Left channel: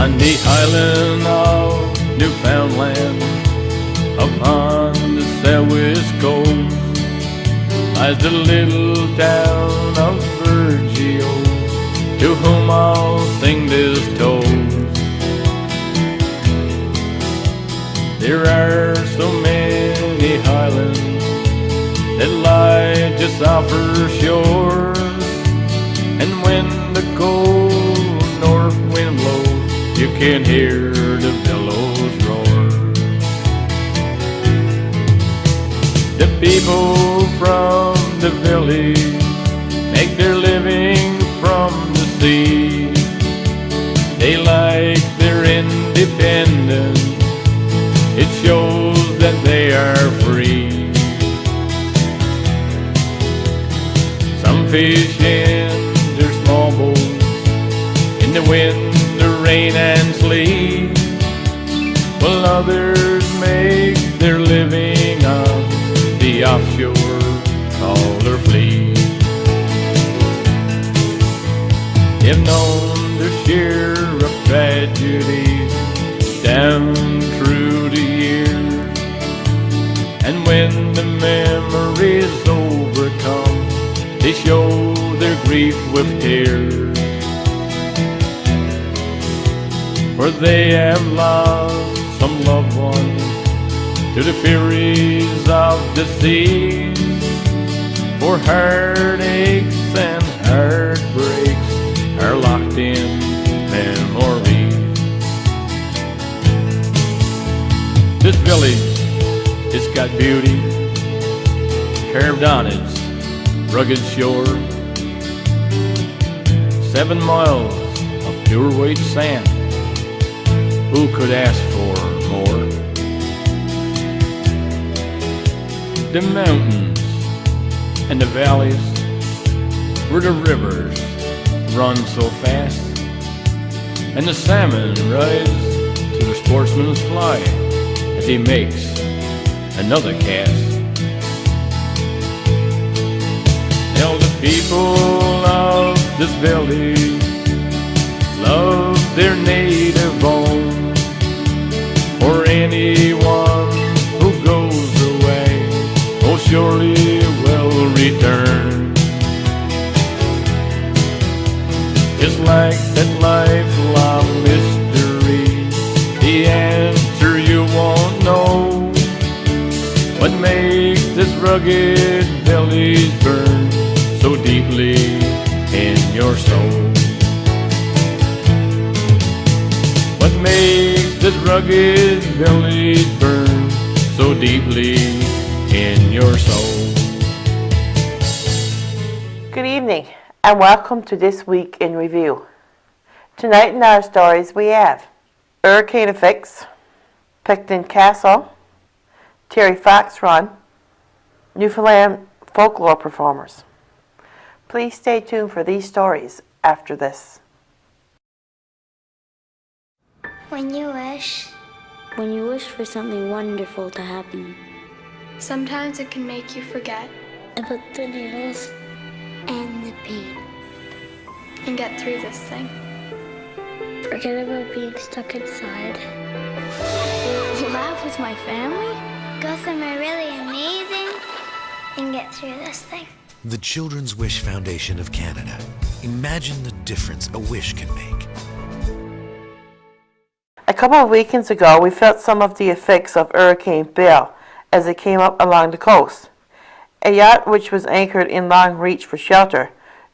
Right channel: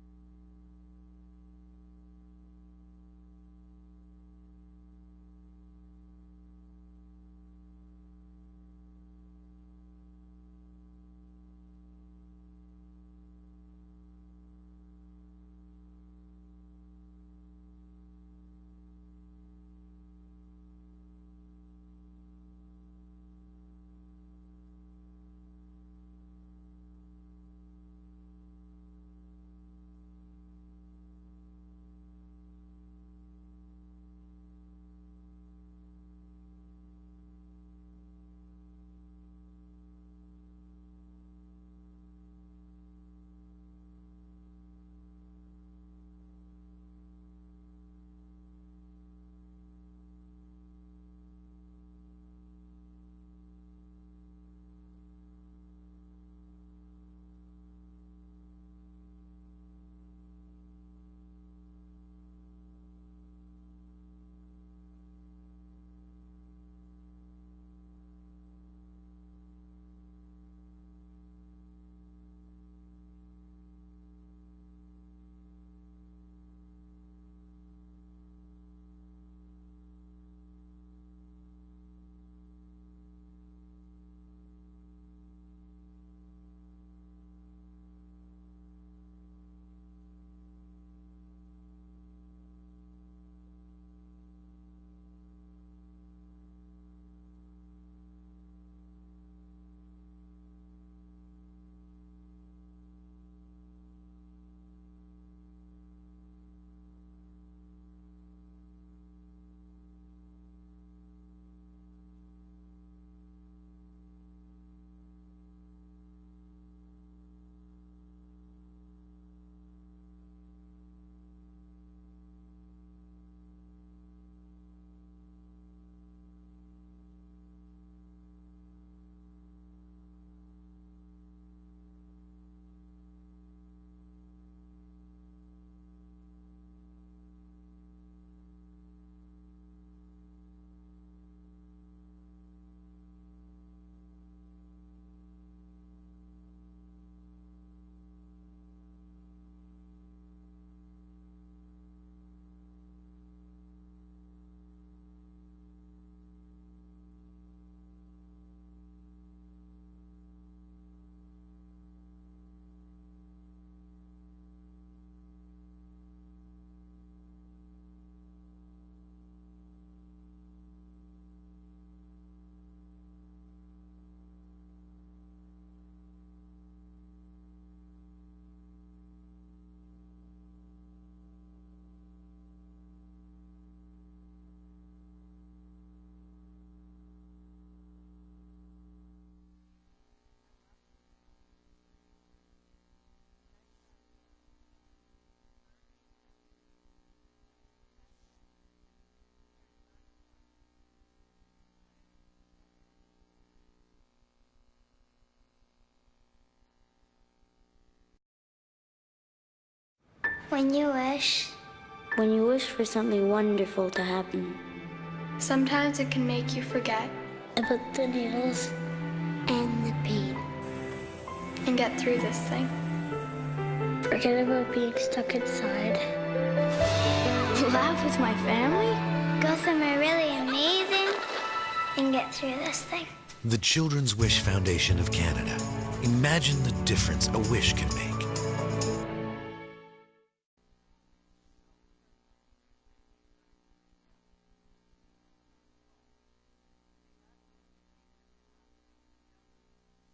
On the island of Newfoundland, upon the southwest coast, lies the little town of Virgil, to whom I'll sing this toast. There are so many highlands that lie just off her shore, and when the cold north wind blows, you can hear the billows roar. The people from the village make their living from the sea. They like their independence, it shows that they are free. Some fish in their small boats in the wind, the rain and sleet, while others make their living on the offshore trawler fleet. They've known their share of tragedies down through the years, and when the memories overcome, they show their grief with tears. For they have lost some loved ones to the furies of the seas, for heartaches and heartbreaks are locked in memories. This village, it's got beauty carved on its rugged shore. 7 miles of pure white sand, who could ask for more? The mountains and the valleys where the rivers run so fast, and the salmon rise to the sportsman's fly as he makes another cast. Tell the people of this village love their native home, for anyone who goes away most surely will return. Just like that lifelong mystery, the answer you won't know. What makes this rugged village burn so deeply in your soul? What makes this rugged village burn so deeply in your soul? Good evening and welcome to This Week in Review. Tonight in our stories we have hurricane effects, Picton Castle, Terry Fox Run, Newfoundland folklore performers. Please stay tuned for these stories after this. When you wish for something wonderful to happen, sometimes it can make you forget about the needles and the pain, and get through this thing. Forget about being stuck inside. Laugh with my family? Go somewhere really amazing and get through this thing. The Children's Wish Foundation of Canada. Imagine the difference a wish can make. A couple of weekends ago, we felt some of the effects of Hurricane Bill as it came up along the coast. A yacht which was anchored in Long Reach for shelter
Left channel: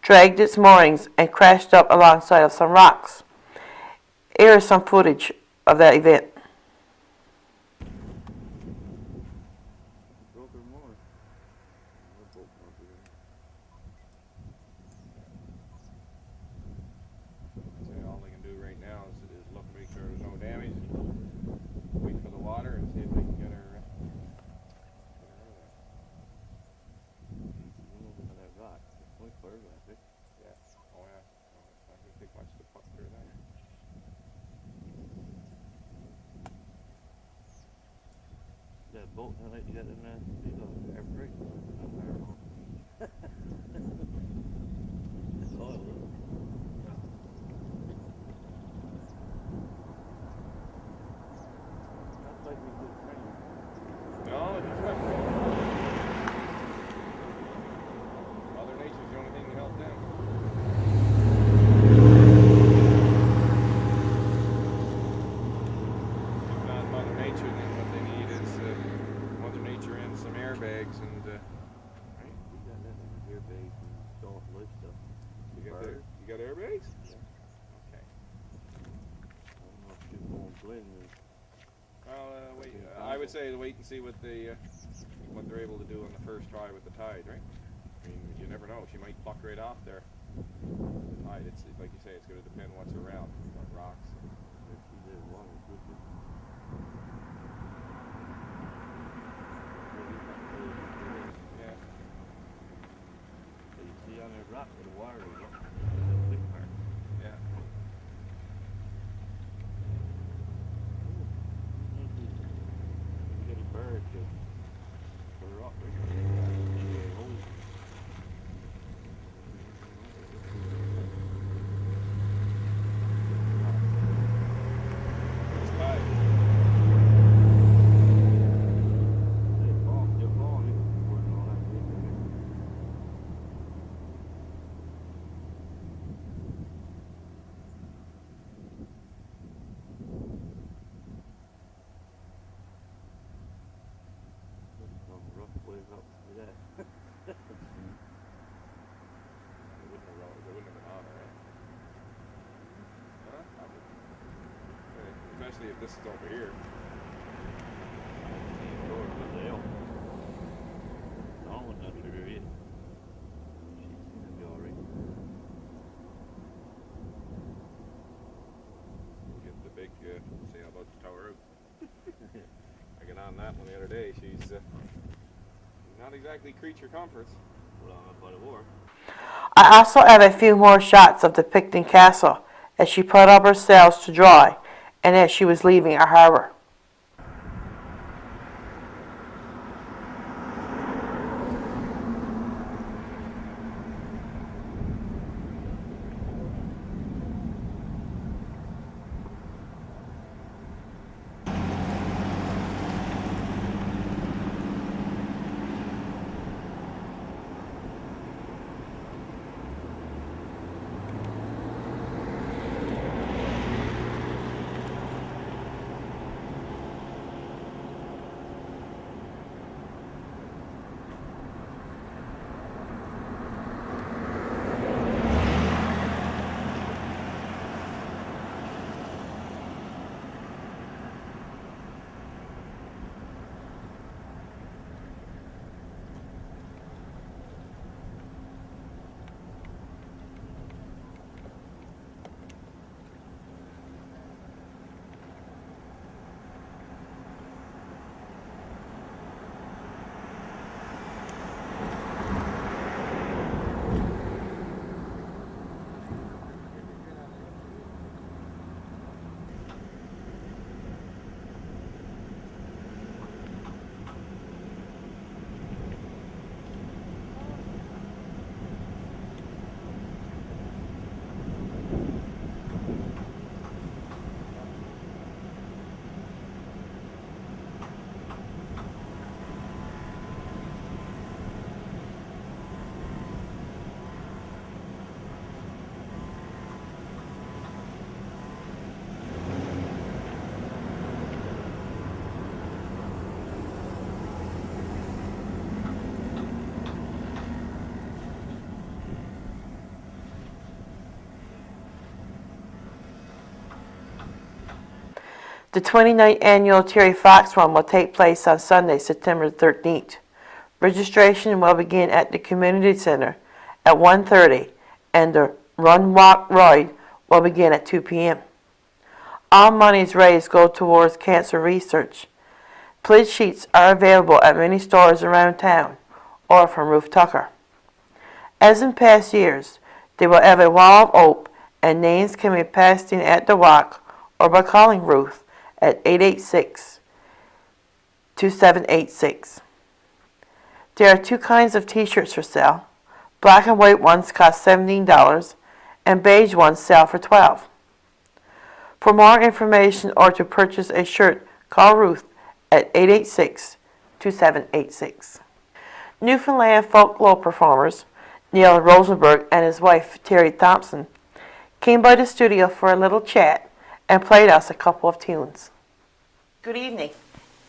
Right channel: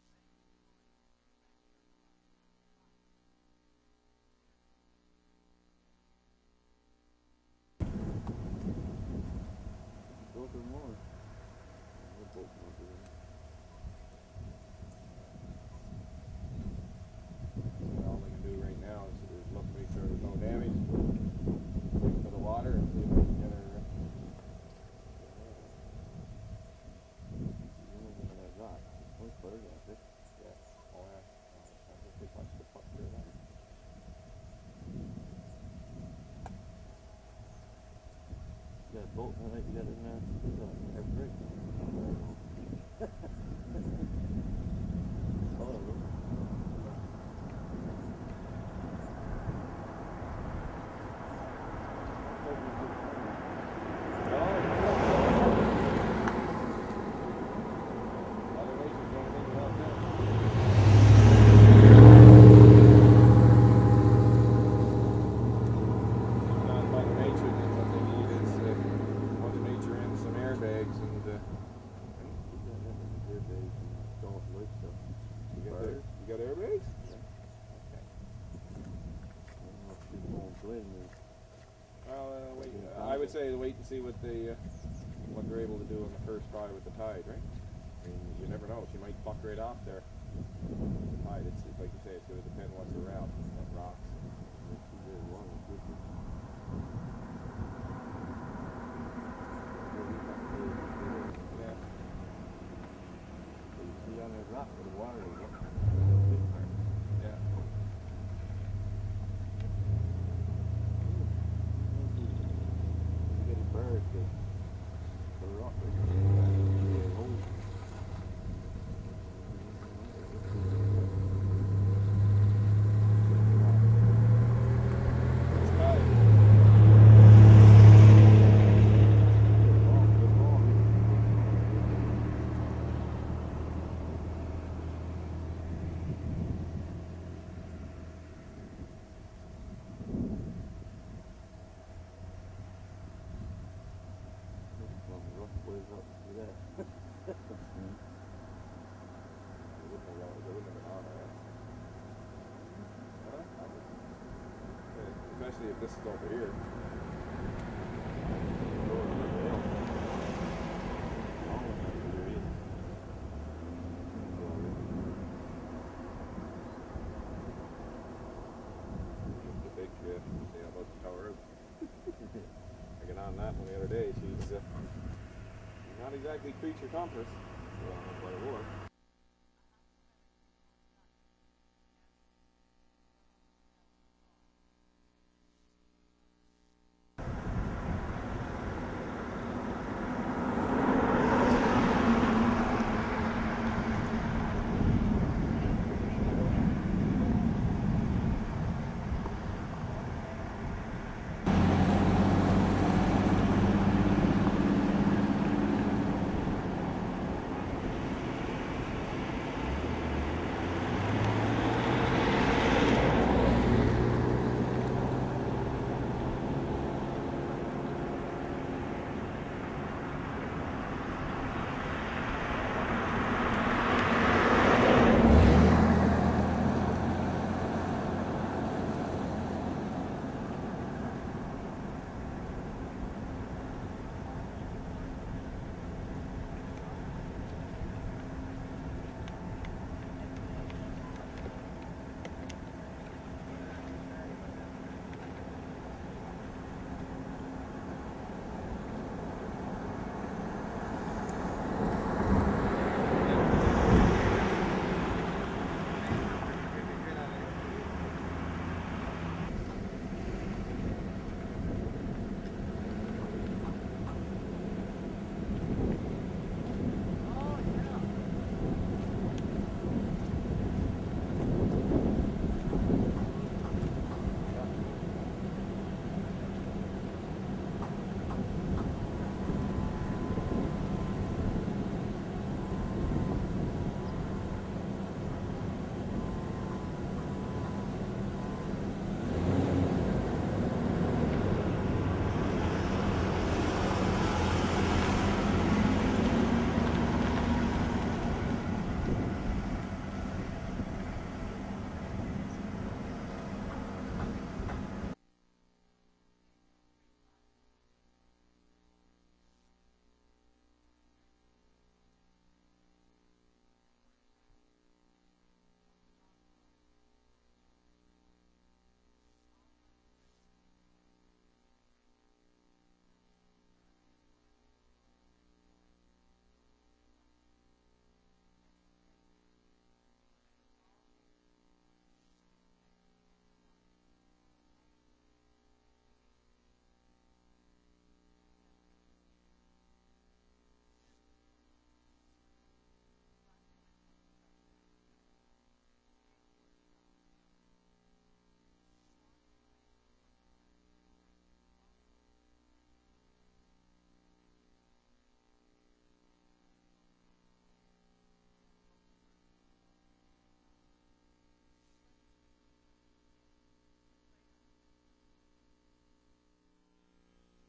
dragged its moorings and crashed up alongside of some rocks. Here is some footage of that event. All they can do right now is look, make sure there's no damage, wait for the water and see if they can get her. Yeah. Oh yeah. I don't think much to put through that. That boat that you got in there, air brake. Well, wait. I would say wait and see what they're able to do on the first try with the tide, right? I mean, you never know. She might buck right off there. The tide. It's like you say. It's going to depend what's around, what rocks. Yeah. So you see on that rock where the water is. Yeah. You get a bird to put a rock right there. Especially if this is over here. Get the big, see how about the tower out. I got on that one the other day. She's not exactly creature comforts. But it was. I also have a few more shots of the Picton Castle as she put up her sails to dry and as she was leaving our harbor. The 29th annual Terry Fox Run will take place on Sunday, September 13th. Registration will begin at the Community Center at 1:30 and the Run Walk Ride will begin at 2 p.m. All monies raised go towards cancer research. Pledge sheets are available at many stores around town or from Ruth Tucker. As in past years, they will have a wall of oak and names can be passed in at the walk or by calling Ruth at 886-2786. There are two kinds of t-shirts for sale. Black and white ones cost $17 and beige ones sell for $12. For more information or to purchase a shirt, call Ruth at 886-2786. Newfoundland folklore performers Neil Rosenberg and his wife Terry Thompson came by the studio for a little chat and played us a couple of tunes. Good evening.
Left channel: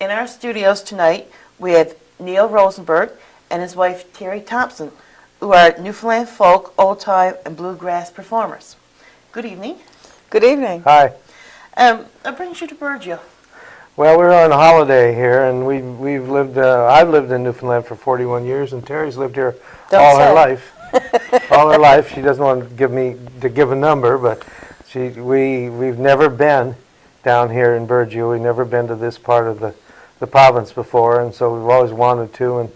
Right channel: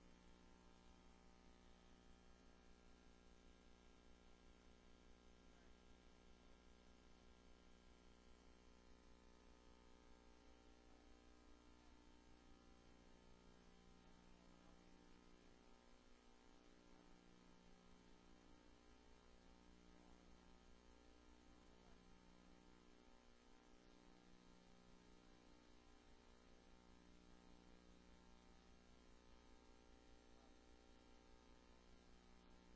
In our studios tonight we have Neil Rosenberg and his wife Terry Thompson, who are Newfoundland folk, old time, and bluegrass performers. Good evening. Good evening. Hi. What brings you to Burgeo? Well, we're on a holiday here, and we've lived. I've lived in Newfoundland for 41 years, and Terry's lived here all her life. All her life. She doesn't want to give a number, but we've never been down here in Burgeo. We've never been to this part of the province before, and so we've always wanted to. And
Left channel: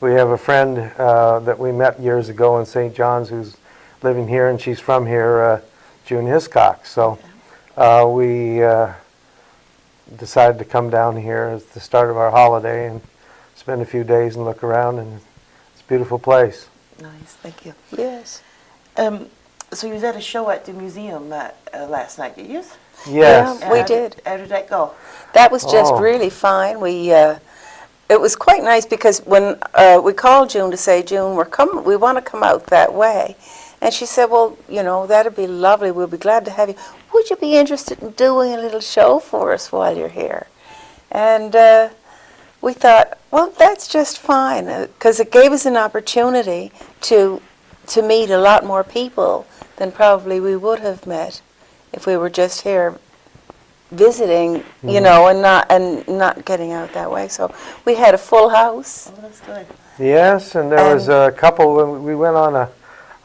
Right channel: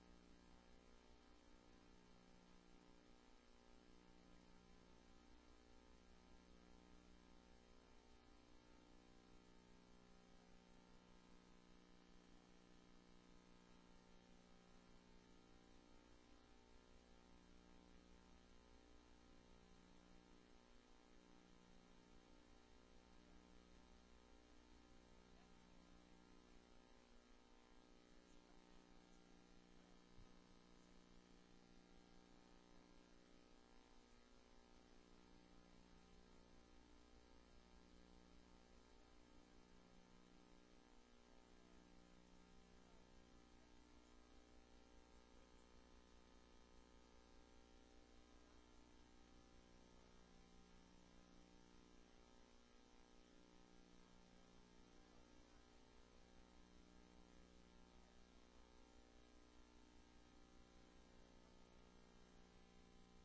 we have a friend that we met years ago in St. John's who's living here, and she's from here, June Hiscock. So we decided to come down here as the start of our holiday and spend a few days and look around, and it's a beautiful place. Nice, thank you. Yes. So you was at a show at the museum last night, did you? Yes. Yeah, we did. How did that go? That was just Oh. really fine. It was quite nice because when we called June to say, June, we want to come out that way. And she said, well, you know, that'd be lovely. We'll be glad to have you. Would you be interested in doing a little show for us while you're here? And we thought, well, that's just fine, because it gave us an opportunity to meet a lot more people than probably we would have met if we were just here visiting, you know, and not getting out that way. So we had a full house. Oh, that's good. Yes, and there was a couple. We went on a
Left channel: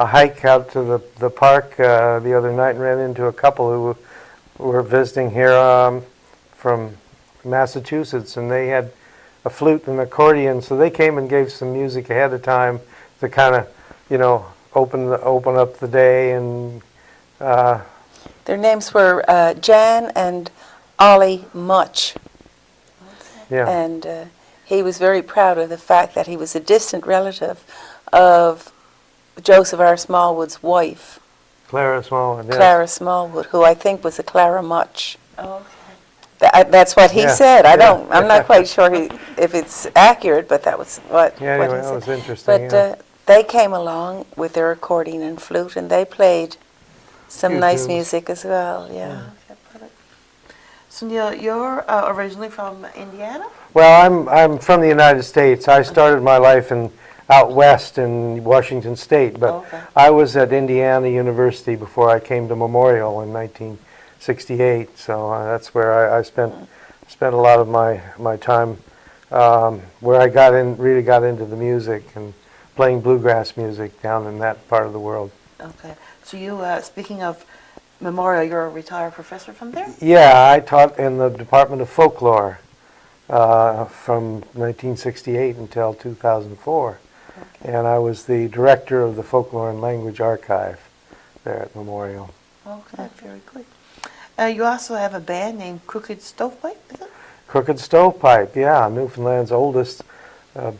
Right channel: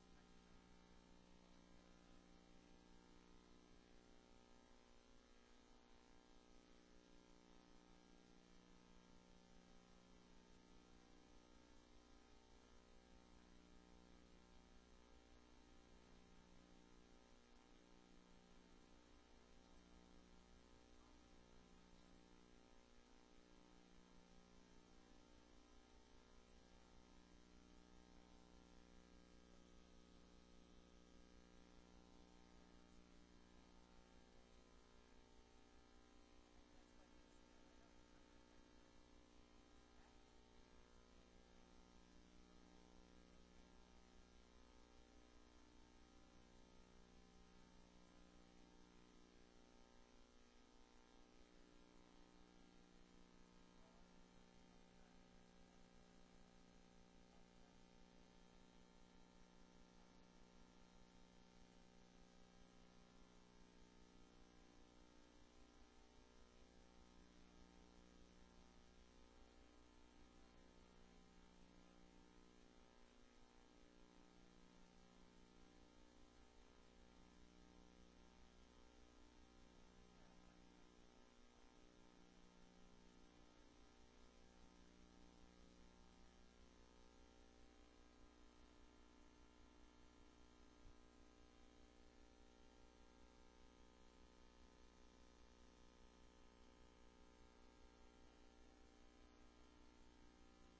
hike out to the park the other night and ran into a couple who were visiting here from Massachusetts, and they had a flute and accordion, so they came and gave some music ahead of time to kind of, you know, open up the day. And Their names were Jan and Ollie Much. yeah, And he was very proud of the fact that he was a distant relative of Joseph R. Smallwood's wife, Clara Smallwood. Yes. Clara Smallwood, who I think was a Clara Much. Oh, okay. That's what he Yeah, said. yeah. I'm not quite sure if it's accurate, but that was what, Yeah, what anyway, he that said. was interesting. But yeah. they came along with their accordion and flute, and they played some Few nice tunes. music as well. Yeah. Okay, perfect. So Neil, you're originally from Indiana? Well, I'm from the United States. I started my life out west in Washington State, but Okay. I was at Indiana University before I came to Memorial in 1968. So that's where I spent a lot of my time, where I really got into the music and playing bluegrass music down in that part of the world. Okay. So you, speaking of Memorial, you're a retired professor from there? Yeah, I taught in the Department of Folklore from 1968 until 2004. And I was the director of the Folklore and Language Archive there at Memorial. Okay, very good. You also have a band named Crooked Stovepipe, is it? Crooked Stovepipe, yeah, Newfoundland's oldest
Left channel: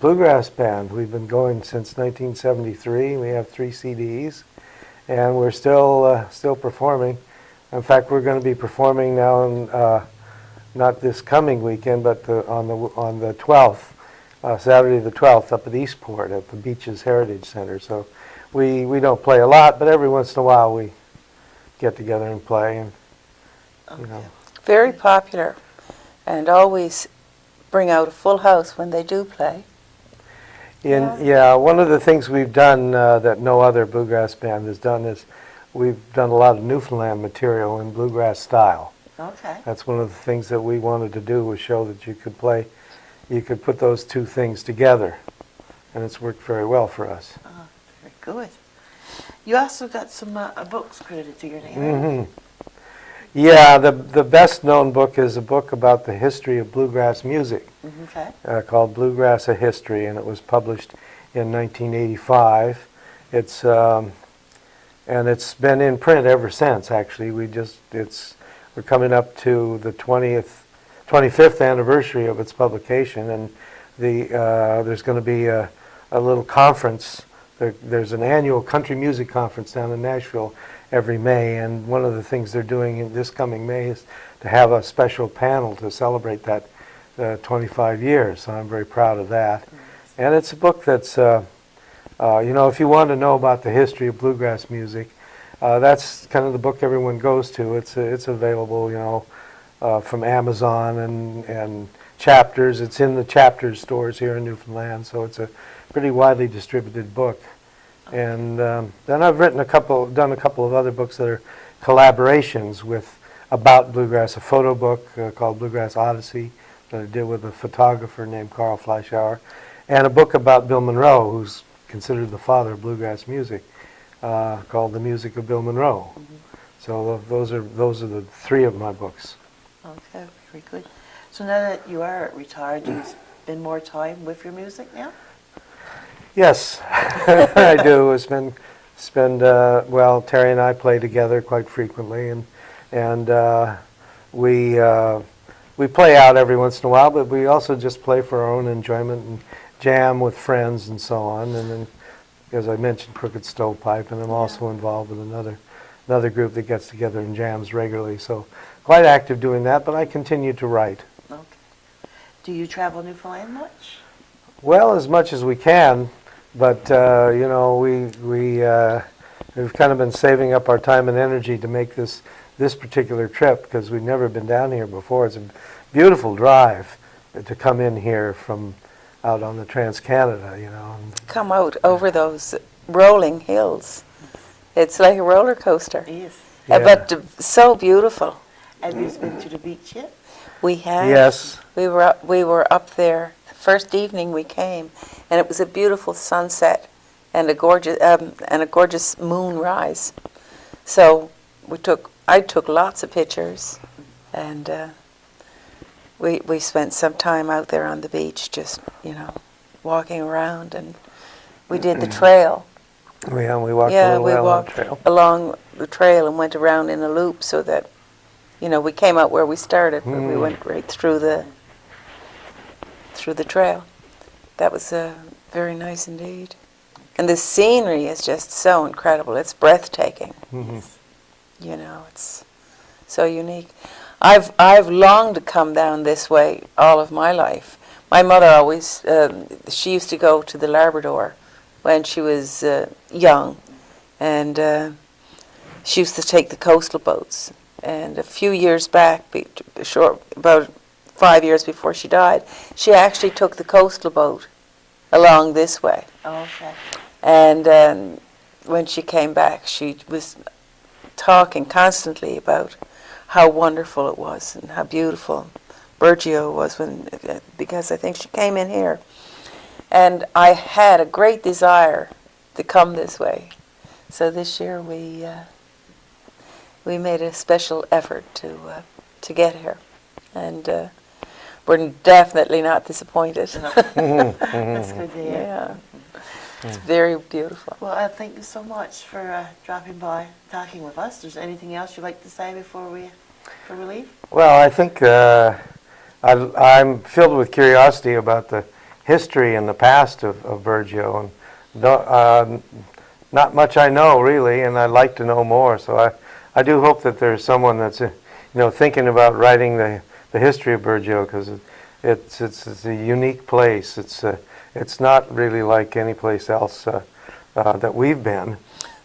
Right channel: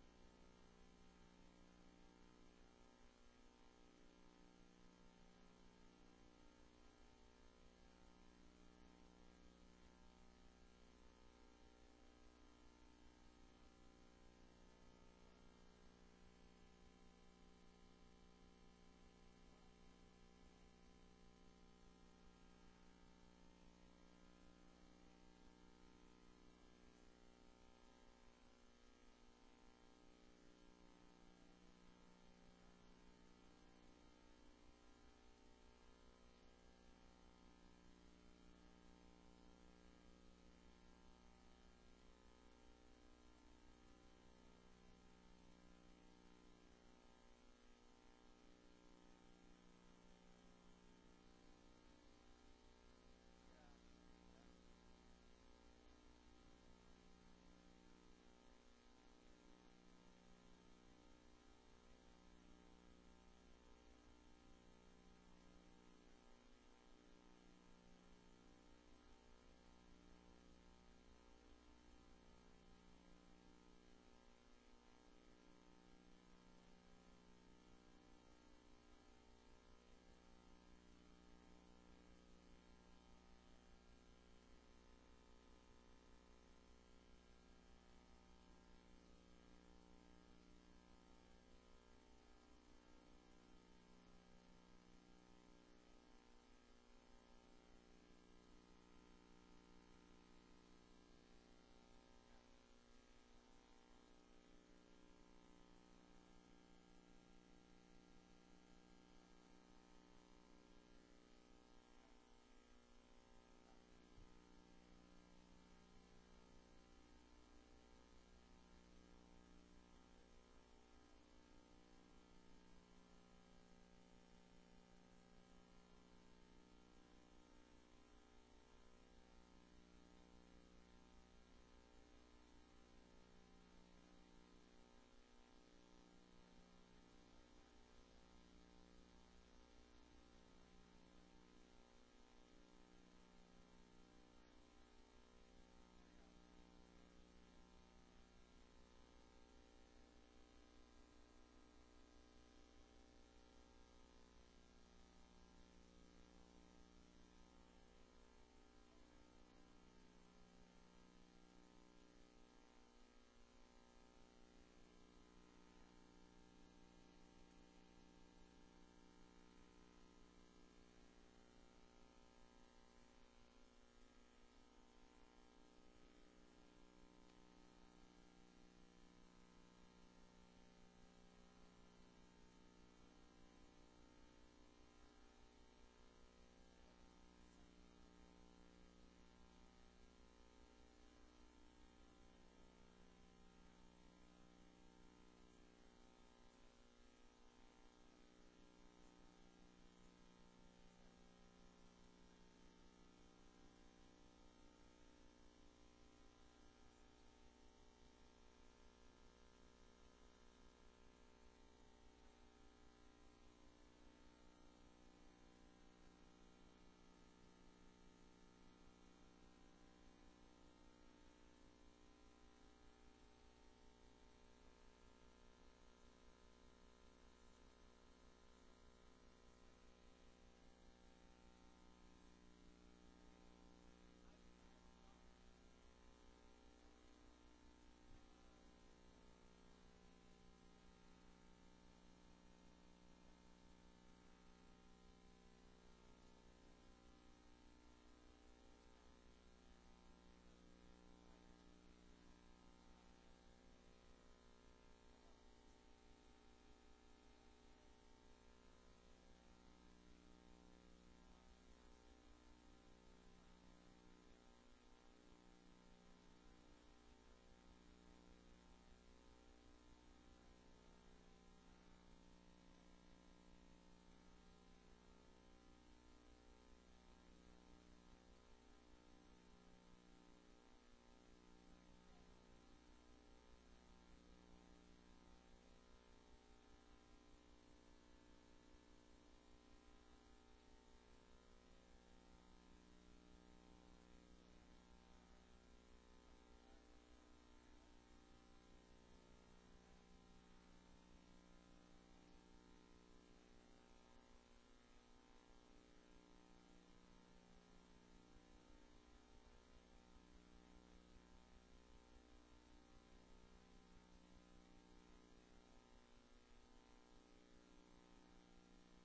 bluegrass band. We've been going since 1973. We have 3 CDs, and we're still performing. In fact, we're going to be performing now, not this coming weekend, but on the 12th. Saturday the 12th up at Eastport at the Beaches Heritage Center. So we don't play a lot, but every once in a while we get together and play. And you know, Very popular, and always bring out a full house when they do play. yeah, one of the things we've done that no other bluegrass band has done is we've done a lot of Newfoundland material in bluegrass style. Okay. That's one of the things that we wanted to do, was show that you could play. You could put those two things together, and it's worked very well for us. Very good. You also got some books credited to your name, right? Yeah, the best known book is a book about the history of bluegrass music Okay. called Bluegrass: A History, and it was published in 1985. And it's been in print ever since. Actually, we're coming up to the 25th anniversary of its publication, and there's going to be a little conference. There's an annual country music conference down in Nashville every May, and one of the things they're doing in this coming May is to have a special panel to celebrate that 25 years. So I'm very proud of that. And it's a book that's, if you want to know about the history of bluegrass music, that's kind of the book everyone goes to. It's available, from Amazon and Chapters. It's in the Chapters stores here in Newfoundland, so it's a pretty widely distributed book. And then I've done a couple of other books that are collaborations with about bluegrass, a photo book called Bluegrass Odyssey that I did with a photographer named Carl Fleischauer, and a book about Bill Monroe, who's considered the father of bluegrass music, called The Music of Bill Monroe. So those are the three of my books. Okay, very good. So now that you are retired, do you spend more time with your music now? Yes, I do. Well, Terry and I play together quite frequently, and we play out every once in a while, but we also just play for our own enjoyment and jam with friends and so on. And then, as I mentioned, Crooked Stovepipe, and I'm also involved with another group that gets together and jams regularly. So quite active doing that, but I continue to write. Okay. Do you travel Newfoundland much? Well, as much as we can, but you know, we've kind of been saving up our time and energy to make this particular trip because we've never been down here before. It's a beautiful drive to come in here from out on the Trans-Canada, you know. Come out over those rolling hills. It's like a roller coaster. Yes. Yeah. But so beautiful. Have you been to the beach yet? We have. Yes. We were up there the first evening we came, and it was a beautiful sunset and a gorgeous moonrise. So I took lots of pictures, and we spent some time out there on the beach, just walking around, and we did the trail. Yeah, we walked Yeah, a little we while on the walked trail. along the trail and went around in a loop so that, we came out where we started, but we went right through the trail. That was very nice indeed. And the scenery is just so incredible. It's breathtaking. It's so unique. I've longed to come down this way all of my life. My mother always, she used to go to the Labrador when she was young, and she used to take the coastal boats. And a few years back, about 5 years before she died, she actually took the coastal boat along this way. Oh, okay. And when she came back, she was talking constantly about how wonderful it was and how beautiful Burgeo was because I think she came in here. And I had a great desire to come this way. So this year we made a special effort to get here. And we're definitely not disappointed. That's good to hear. Yeah. It's very beautiful. Well, thank you so much for dropping by, talking with us. Is there anything else you'd like to say before we leave? Well, I think I'm filled with curiosity about the history and the past of Burgeo, and not much I know really, and I'd like to know more. So I do hope that there's someone that's thinking about writing the history of Burgeo, because it's a unique place. It's not really like any place else that we've been.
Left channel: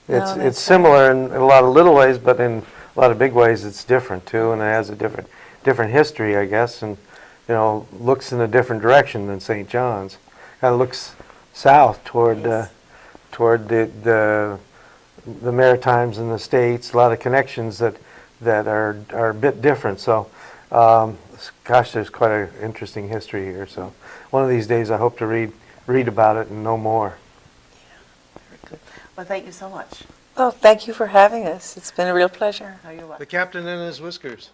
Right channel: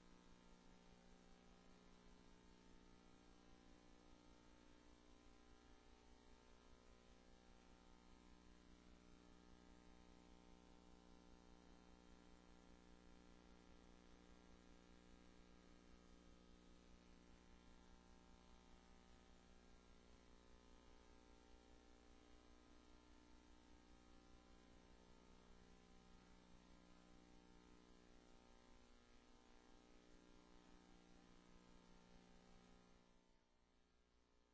It's similar in a lot of little ways, but in a lot of big ways it's different too, and it has a different history, I guess, and looks in a different direction than St. John's. Kind of looks south toward the Maritimes and the States. A lot of connections that are a bit different. So, gosh, there's quite an interesting history here. So, one of these days, I hope to read about it and know more. Yeah, very good. Well, thank you so much. Well, thank you for having us. It's been a real pleasure. Oh, you're welcome. The Captain and his Whiskers.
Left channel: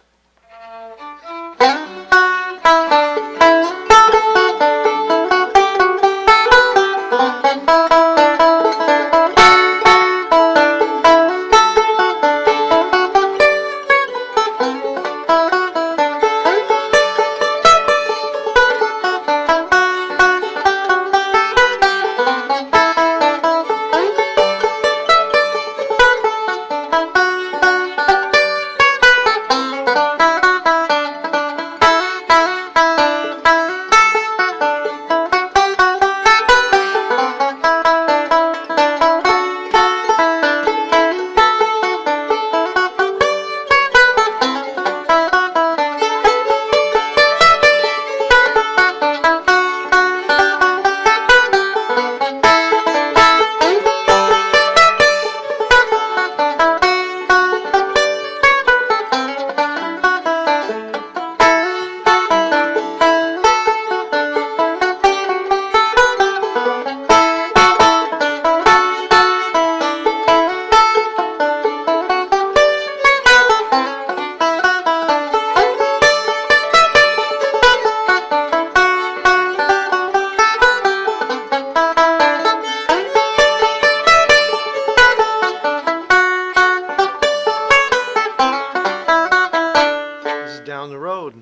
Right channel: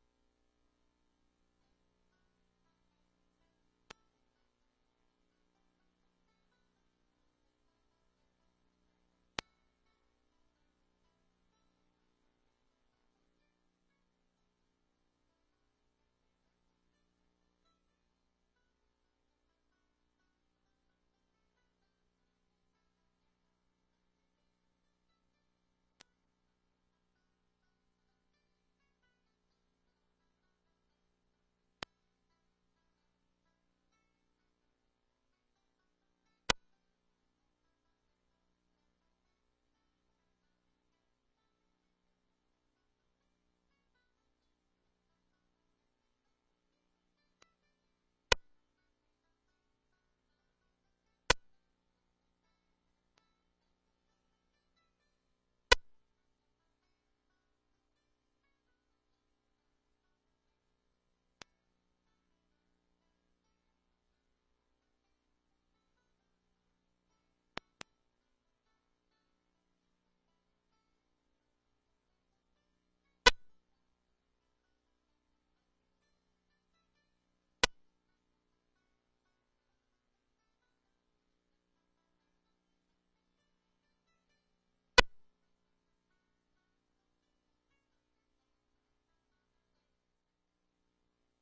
down the road.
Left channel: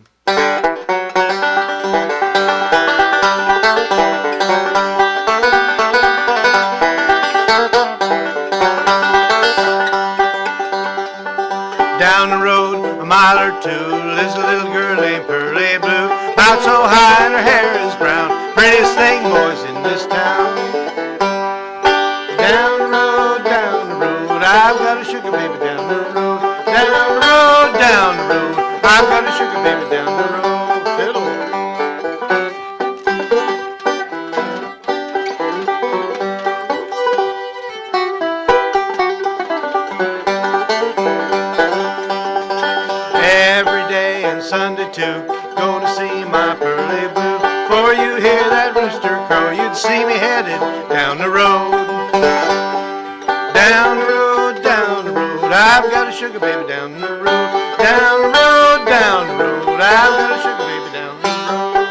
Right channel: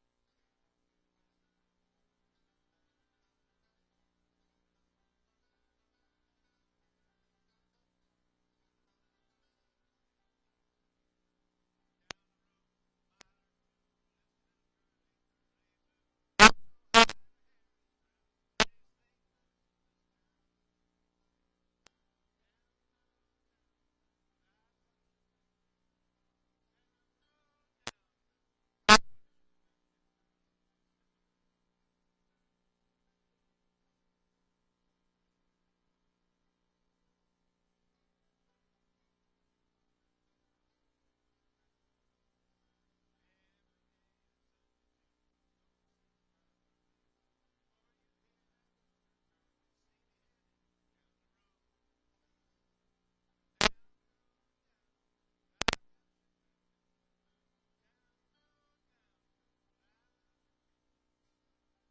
Down the road a mile or two lives a little girl named Pearly Blue. About so high and her hair is brown, prettiest thing, boys, in this town. Down the road, I've got a sugar baby down the road. Down the road, I've got a sugar baby down the road. Fiddle. Every day and Sunday too, go to see my Pearly Blue. Before you hear that rooster crow, you'd see me headed down the road. Down the road, I've got a sugar baby down the road. Down the road, I've got a sugar baby down the road.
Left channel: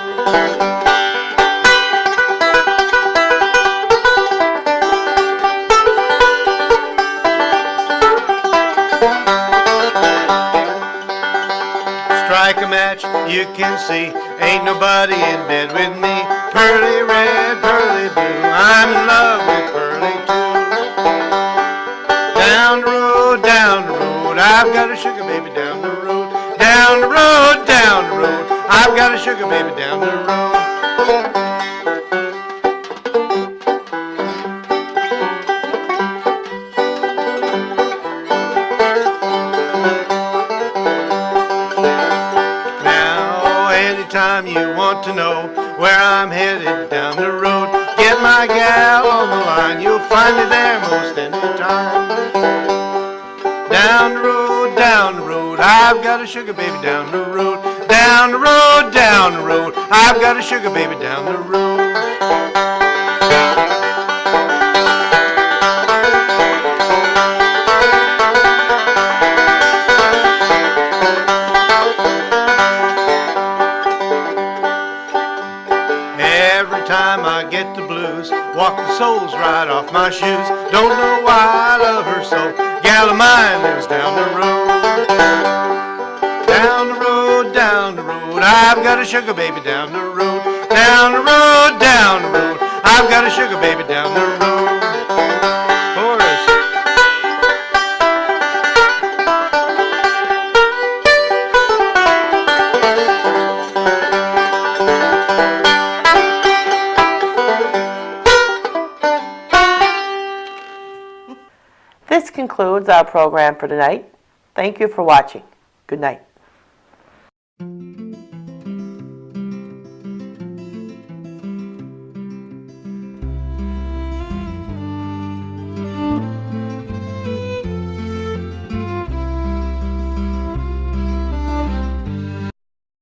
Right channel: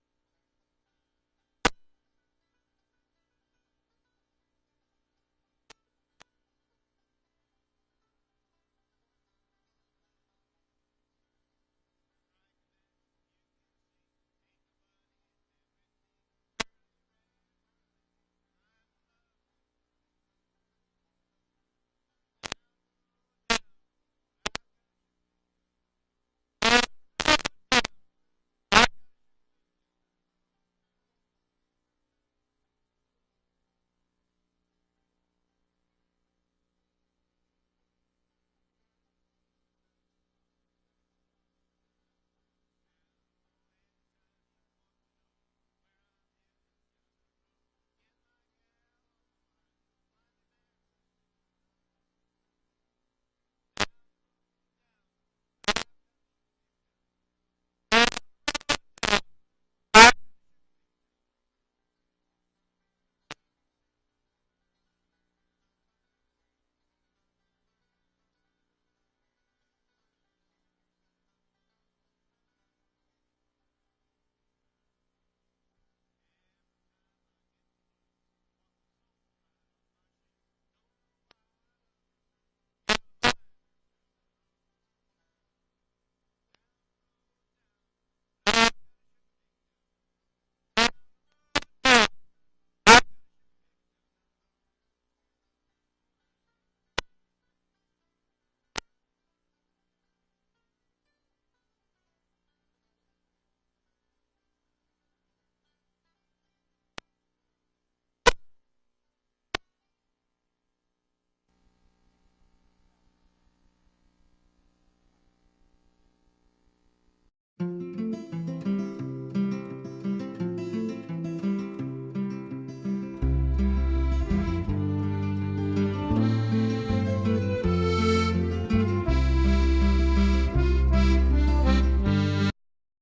Strike a match, you can see, ain't nobody in bed with me. Pearly red, pearly blue, I'm in love with Pearly too. Down the road, I've got a sugar baby down the road. Down the road, I've got a sugar baby down the road. Now, anytime you want to know where I'm headed down the road, get my gal on the line, you'll find me there most any time. Down the road, I've got a sugar baby down the road. Down the road, I've got a sugar baby down the road. Every time I get the blues, walk the soles right off my shoes. Don't know why I love her so. Gal of mine lives down the road. Down the road, I've got a sugar baby down the road. Down the road, I've got a sugar baby down the road. Chorus. This concludes our program for tonight. Thank you for watching. Good night.